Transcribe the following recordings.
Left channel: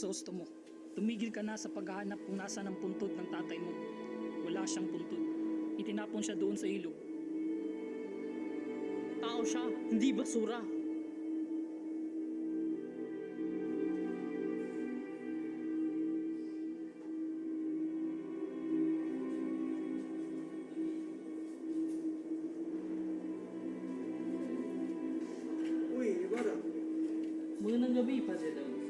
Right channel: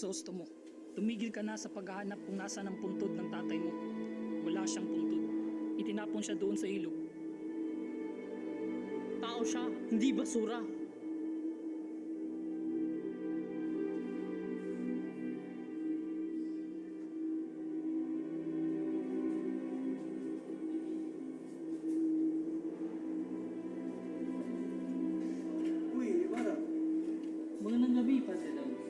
Crisostomo, tumigil ka na sa paghahanap kung nasa ang puntod ng tatay mo. Wala siyang puntod. Itinapon siya doon sa ilog. Tao siya, hindi basura. Uy, Ibarra. Magandang gabi, Padre Dam.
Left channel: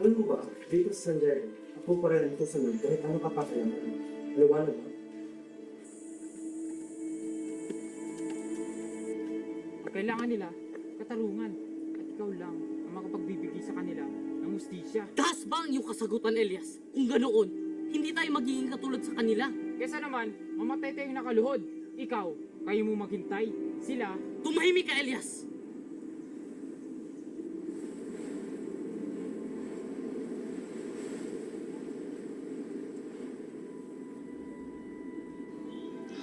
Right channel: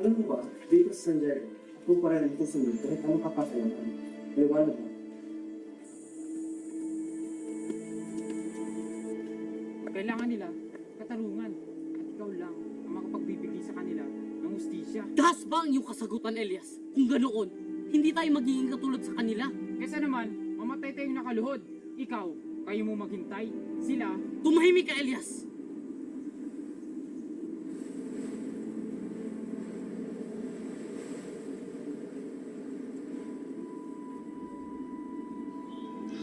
Alam mo ba, dito sa San Diego, ako pa rin ito sunod kahit ano kapakalaman. Liwanag ba? Kailangan nila katarungan at ikaw lang ang makapagbibigay sa kanila ng hustisya. Das ba ang iyong kasagutan, Elias? Kung ganoon, hindi tayo magiging katulad sa kanila. Kesa naman, mamatay tayong nakaluhod. Ikaw, kayo mo maghintay. Sila, Tumahimik ka, Elias!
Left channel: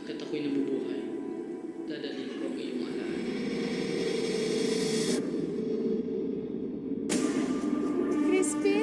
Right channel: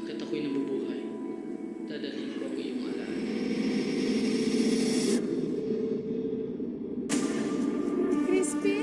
Hanggat ako'y nabubuhay, dadalhin ko ang iyong alaala. Crispy!